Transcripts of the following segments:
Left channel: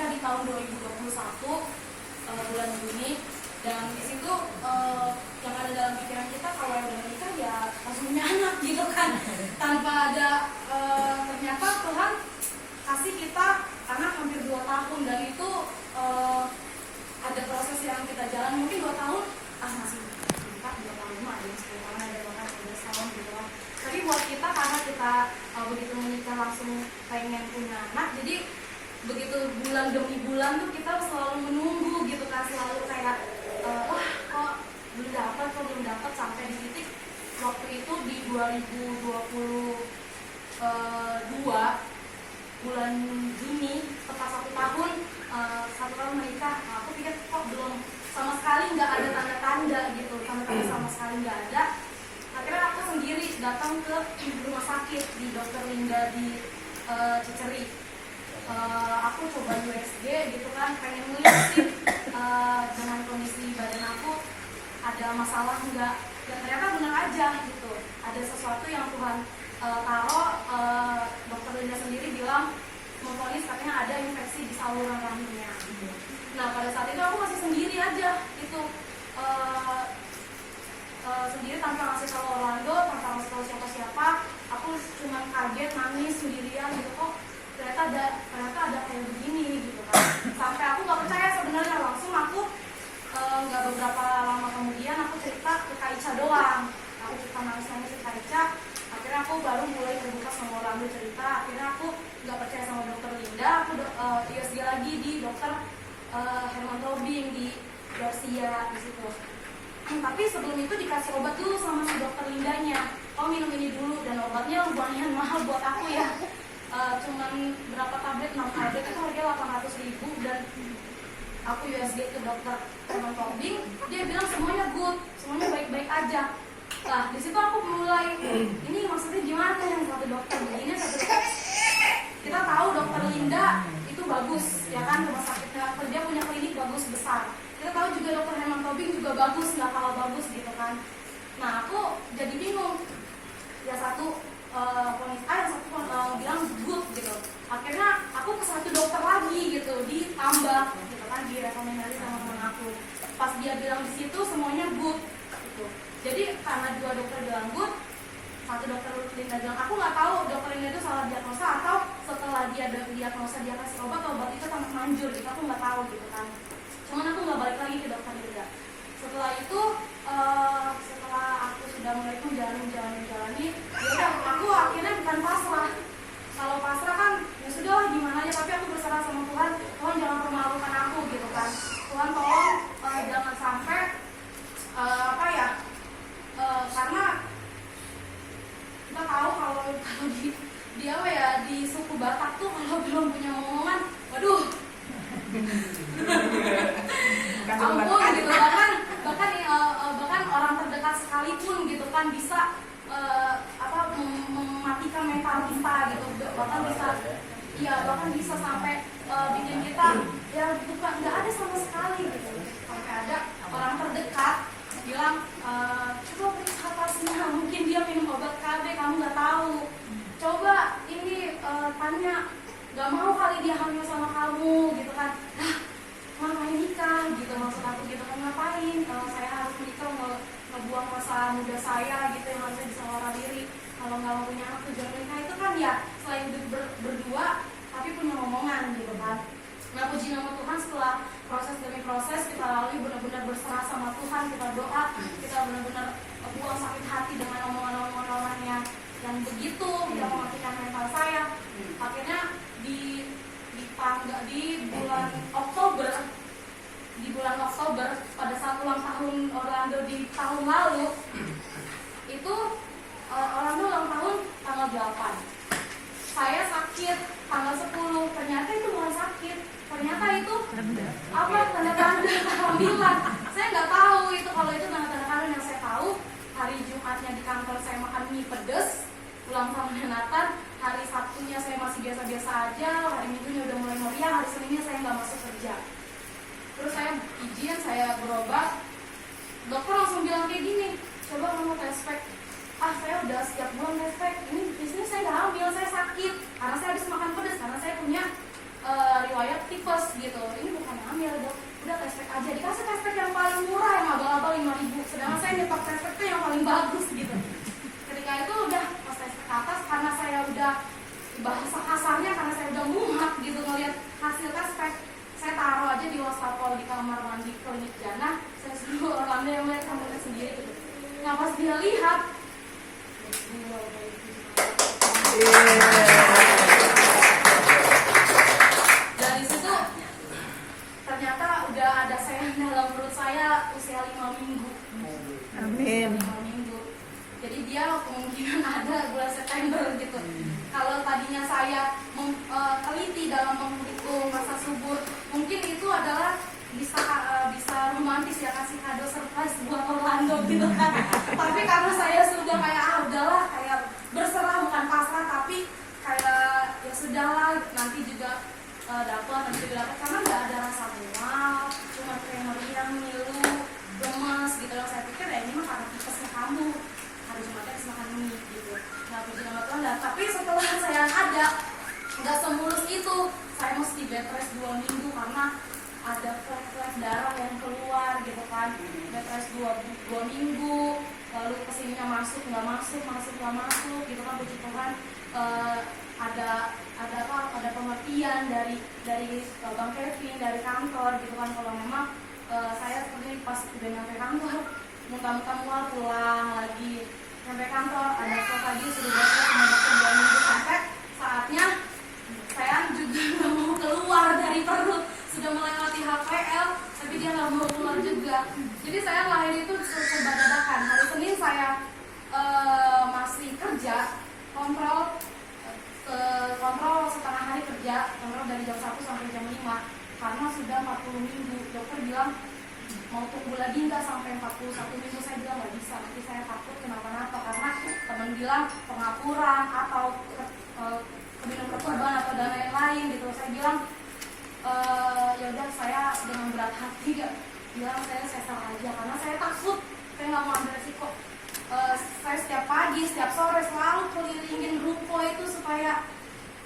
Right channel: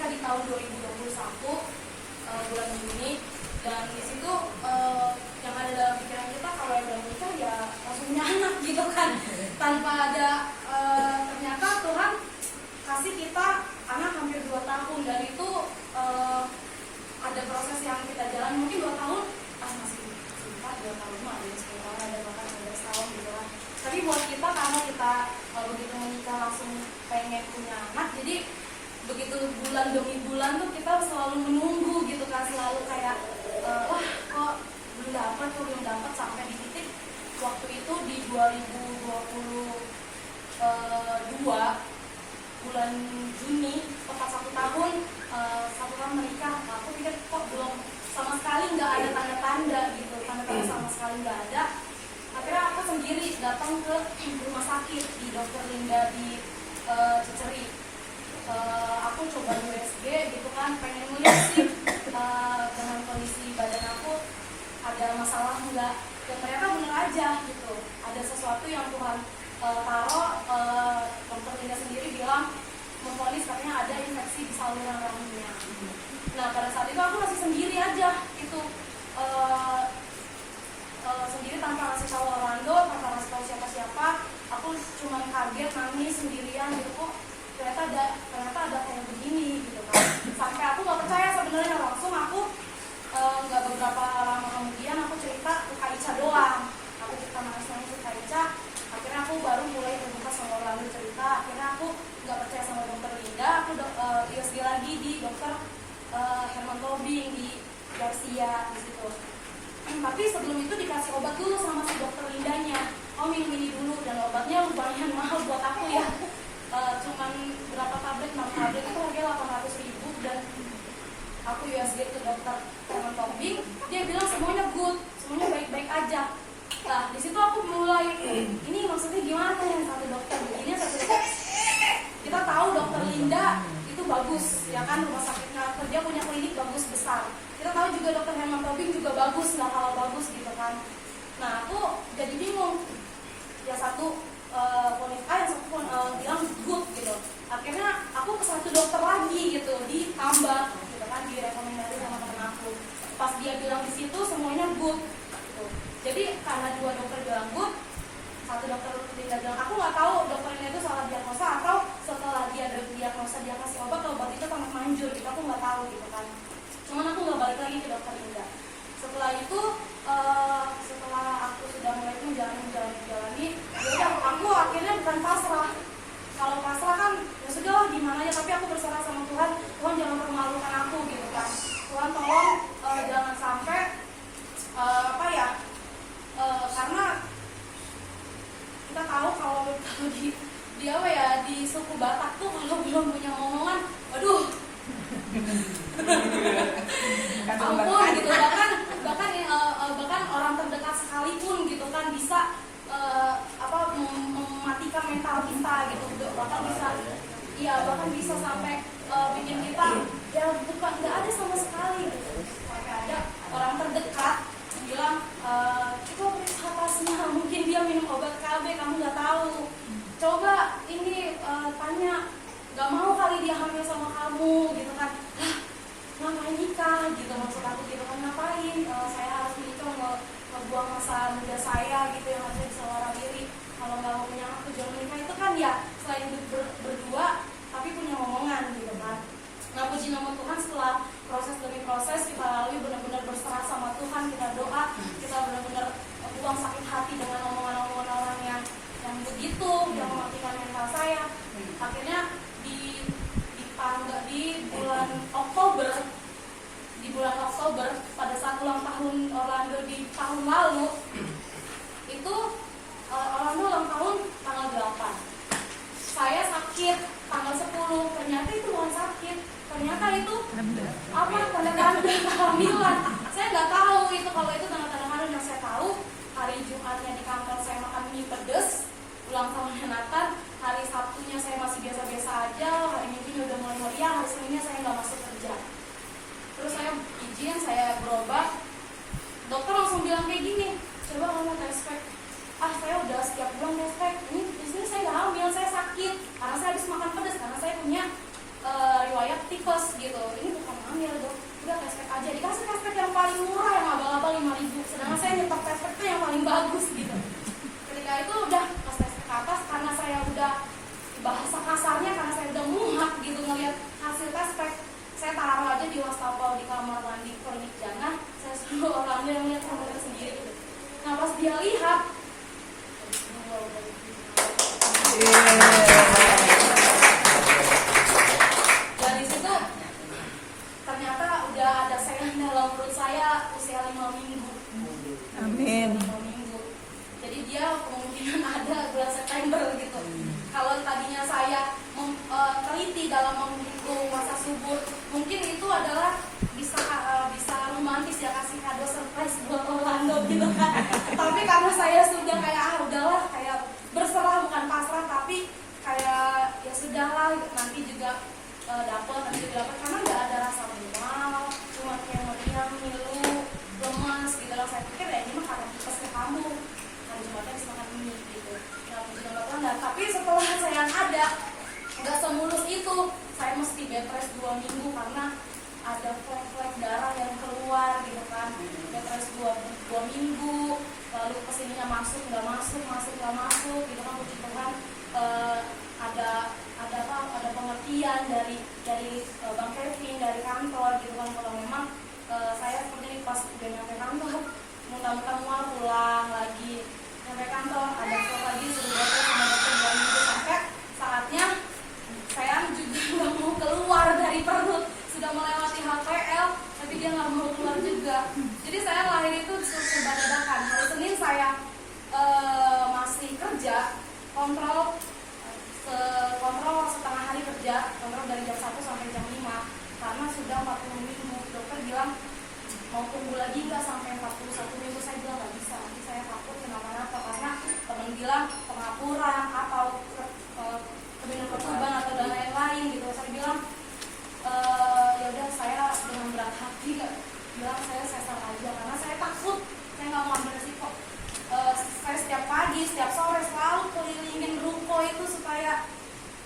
menikah di tahun 2021 bulan Juni, dan di situ yang ada dalam pikiran kita kalau udah menikah ya langsung punya anak gitu kan, tanpa ada ternyata Tuhan kasih kita anak hampir 2 tahun, dan itu ada proses yang kita jalan mungkin 2 tahun masih 2 tahun ada yang 10 tahun, ada yang bahkan 11 tahun gitu kan. Tapi buat kita karena kita begitu menikah langsung pengen punya anak, jadi begitu bulan demi bulan tuh kita selalu menunggu gitu kan, selalu kayak wah kok belum dapat sampai di titik waktu itu di 2022 bulan Juni tepat 1 tahun menikah. Aku pikir kok belum sama sekali nggak ada tanda-tanda gitu, tanda-tanda sama sekali nggak ada. Akhirnya aku sendiri datang ke rumah sakit di Dr. Linda di Ciceri. Aku coba USG gitu kan, pengen ngeliat sih dengan kondisi badan aku ada masalah enggak, ya ternyata benar aja gitu, ada sesuatu yang Tuhan taruh. Dr. Linda sendiri bilang memvonis katanya ada infeksi di saluran rahimnya. Nah pada saat itu aku masih sendiri aja itu, sendiri tanpa ngasih tahu Orlando, tanpa ngasih tahu siapa-siapa. Aku cuma kaget, nangis sendirian gitu, kok ternyata ada kayak begini gitu kan. Sampai aku nggak percaya sebenarnya, langsung aku nggak beberapa lama kemudian aku cerita ke Kak Ica doang. Aku cuma nangis ke Kak Ica. Akhirnya aku baru mulai terbuka sama Orlando cerita. Akhirnya aku nggak percaya sama Dokter Linda, aku USG lagi di Dokter Herman Tobing di Garcia di situ. Tapi sebelum itu dikasih obat dulu sama si Dokter Lindanya. Minum ini dulu, dan obatnya lumayan mahal buat aku ya. Cuman berapa tablet, 6 tablet itu harganya 800.000, dan aku USG ke Dokter Herman Tobing, dia bilang semuanya good, semuanya baik-baik aja. Nah di situ aku mulai, ini maksudnya gimana yang satu dokter begini, satu dokter. Kita tahu Dokter Linda itu bagus, ya kan, rumah sakitnya dia punya klinik bagus besar. Kita tahu juga Dokter Herman Tobing juga bagus, nggak kalah bagus gitu kan. Nah aku jadi bingung, yang satu ponis A, yang satu bilang good gitu. Akhirnya aku ke satu dokter lagi gitu, ditambah gitu kan, direkomendasi sama teman aku. Pas dia bilang di situ semuanya good gitu. Jadi karena 2 dokter bilang good, satu dokter Linda bilang, aku nggak tahu dokter Linda itu salah diagnosa atau setelah dia diagnosa dia kasih obat itu sangat manjur gitu, aku nggak tahu gitu kan. Cuman aku nggak balik lagi ke dokter Linda. Setelah itu setelah aku sudah mulai menjalani, ya aku akhirnya bukan pasrah. Kalau pasrah kan ya sudahlah gimana ya, tapi aku berserah sama Tuhan. Tuhan jangan permalukan aku gitu kan. Tuhan tolong jangan sampai karena kita tahu kalau di suku Batak tuh kalau belum punya omongan, waduh, ampun gitu, bahkan orang terdekat sekalipun gitu kan bisa mematikan mental kita gitu, bahkan bisa sampai bikin kita ya bukan nggak ada sama sekali gitu. Sampai ada orang terdekat bilang coba periksa tasnya, mungkin dia minum obat KB kamu nggak tahu, coba ini tanya, nggak mau kali dia hamil sama kamu gitu kan. Ngapain nikah gitu, maksud aku gitu kan, ngapain saya harus nikah, ngebuang masa muda saya gitu yang harusnya bisa warah diri. Kalau nggak mau punya anak tujuan menikah itu kan ya selain hidup berdua tapi punya omongan gitu kan. Nah puji nama Tuhan, setelah proses demi proses kita lalui, benar-benar berserah sama Tuhan, kita doa, kita benar-benar buang sakit hati dengan omongan-omongan orang yang begitu, yang mematikan mental saya. Akhirnya di bulan Oktober pada saat ulang tahun Orlando di tahun lalu itu, Orlando ulang tahun tanggal 8, saya sakit tanggal 10. Ternyata itu bukan sakit, ternyata itu tanda-tanda kehamilan. Saya nggak tahu itu kalau itu tanda-tanda kehamilan. Yang saya tahu hari Jumatnya di kantor saya makan mie pedes, ulang tahunnya Nathan. Hari Sabtunya saya masih biasa-biasa aja, hari Minggunya udah mulai meriah, hari Seninnya saya nggak masuk kerja. Terus saya izin, saya berobat, dokter langsung bilang kayak gini, coba kamu tes pack. Saya udah setiap bulan tes pack, ini di sini saya nggak hamil, saya sakit karena saya habis makan pedas, karena saya punya riwayat tipes gitu. Ini bukan hamil dok, udah test pack aja, dikasih test pack yang paling murah yang abal-abal 5.000, sedangkan saya nyetok test pack itu yang paling bagus gitu. Ketika itu udah pas test pack ke atas, karena saya udah bahasa kasarnya, karena saya udah muak gitu ngeliat hasil test pack, saya taruh aja di wastafel di kamar mandi klinik Jana, saya suruh orang yang melihat kamarnya sendiri gitu. Nah pas dia lihat, dari situ ternyata udah ada sel dalam perut saya usia 5 minggu. Amin. 5 minggu. Jadi dia kemungkinan ada bulan September gitu. Kalau tadinya saya teliti dalam menghitung masa subur, mungkin itu adalah bisa romantis ya, kasih kado surprise buat Orlando gitu kan. Tapi karena saya sudah kayak udahlah, kayak berserah bukan pasrah, tapi kayak ya sudahlah, nanti juga dapat karena nggak ada rasa mual, cuma kayak meriang, ngilu, lemas gitu lah. Saya pikir ya ini mah karena tipesnya kamu, hari Jumatnya bisa makan mie gitu, nggak juga nggak tanda. Tapi setelah saya ada, nggak semulus itu, saya mesti bed rest 2 minggu karena ada flek-flek darah yang keluar gitu kan. Bed rest 2 minggu, lalu kesininya masuk nggak masuk gitu kan. Puji Tuhan ada pengertian dari Bang Kevin, dari kantor gitu kan. Kalau memang saya seperti pas udah nyampe kantor, muntah-muntah mual, pulang lagi sampai kantor, ada flek lagi, sudah dokter sama dokter 2 minggu, sampai saatnya saya juga nggak mau keluar dari perut, sudah melewati HPL, tapi dia nggak mau keluar juga. Jadi saya lahir itu serba dadakan. Hari Senin saya masih kerja, kontrol setengah hari kerja, kontrol dari jam 1 sampai jam 5, karena sudah 40 minggu. Dokter bilang mau tunggu lagi nggak sampai 41 minggu. Saya bilang nggak bisa, nanti saya takut kenapa-napa, karena teman bilang pengapuran atau kemudian ketuban atau dan lain-lain gitu. Saya bilang ya udah, saya dengan berat hati bilang saya sesar aja, karena saya takut, saya nggak mau ambil resiko. Saya setiap pagi, setiap sore selalu kelilingin ruko itu supaya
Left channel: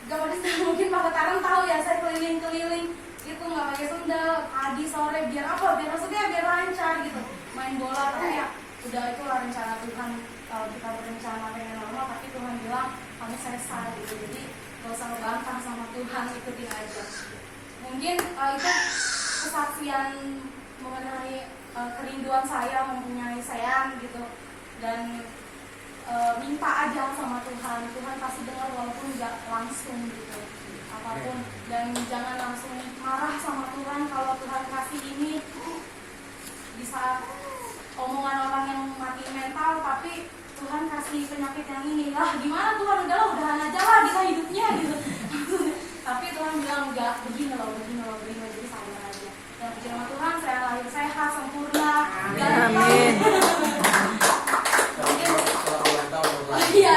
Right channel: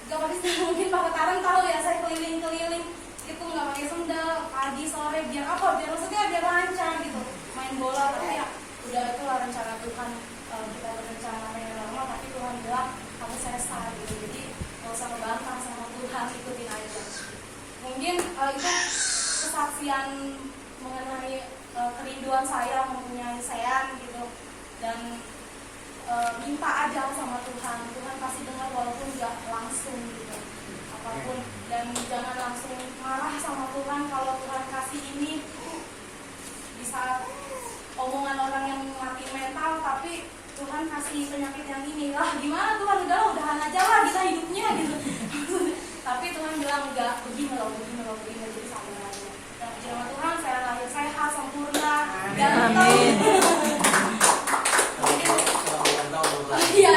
gak mungkin Pak Ketaran tahu ya, saya keliling-keliling itu nggak pakai sendal pagi sore, biar apa? Biar maksudnya biar lancar gitu main bola. Tapi ya udah, itulah rencana Tuhan. Kita berencana yang normal, tapi Tuhan bilang kamu sesar gitu. Jadi gak usah ngebantah sama Tuhan, ikutin aja. Mungkin itu kesaksian mengenai kerinduan saya mempunyai sayang gitu, dan minta aja sama Tuhan. Tuhan pasti dengar walaupun nggak langsung gitu apapun, dan jangan langsung marah sama Tuhan kalau Tuhan kasih ini di saat omongan orang yang mati mental, tapi Tuhan kasih penyakit yang ini. Gimana Tuhan, udahan aja lah kita hidupnya gitu. Tapi Tuhan bilang enggak, begini loh, jadi sabar aja. Yang puji nama Tuhan, saya lahir sehat, sempurna. Amin. Iya.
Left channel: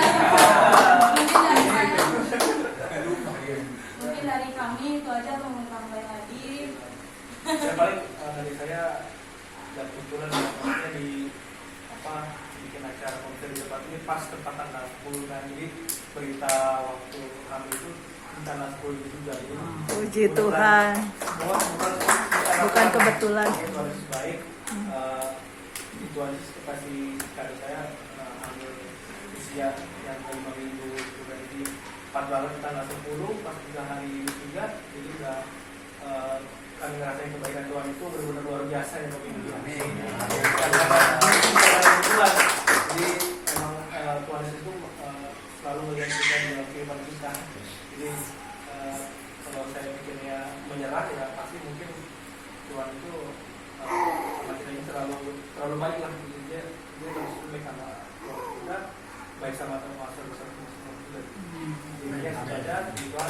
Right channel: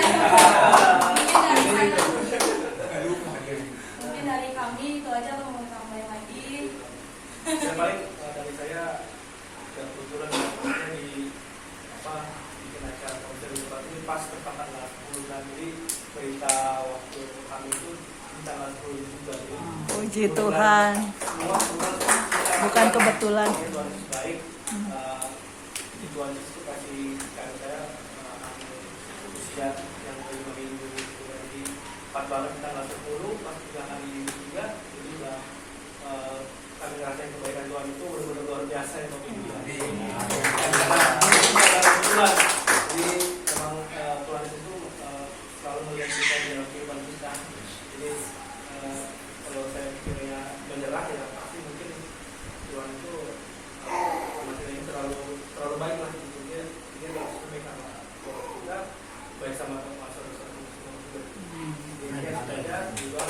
Mungkin dari kami itu aja, atau mau tambahin lagi. Yang paling dari saya, kebetulan di bikin acara konser di tempat ini pas tepat tanggal 10, dan jadi berita waktu kami itu tanggal 10 juga. Puji Tuhan. Bukan kebetulan. Tuhan Yesus baik. Tuhan Yesus kasih kado saya ambil usia yang 5 minggu. Jadi 4 banget tanggal 10, pas 3 hari juga. Jadi udah kami ngerasain kebaikan Tuhan itu benar-benar luar biasa ya Bapak Ibu ya. Tuhan, jadi memang Tuhan itu selalu melihat kita di dalam kehidupan kita. Jadi kalau saya pikirnya menyerah ya pasti mungkin Tuhan itu masih ini terlalu baik lah gitu. Dia terus baik sama kita, baik sama teman-teman. Jadi yang ada juga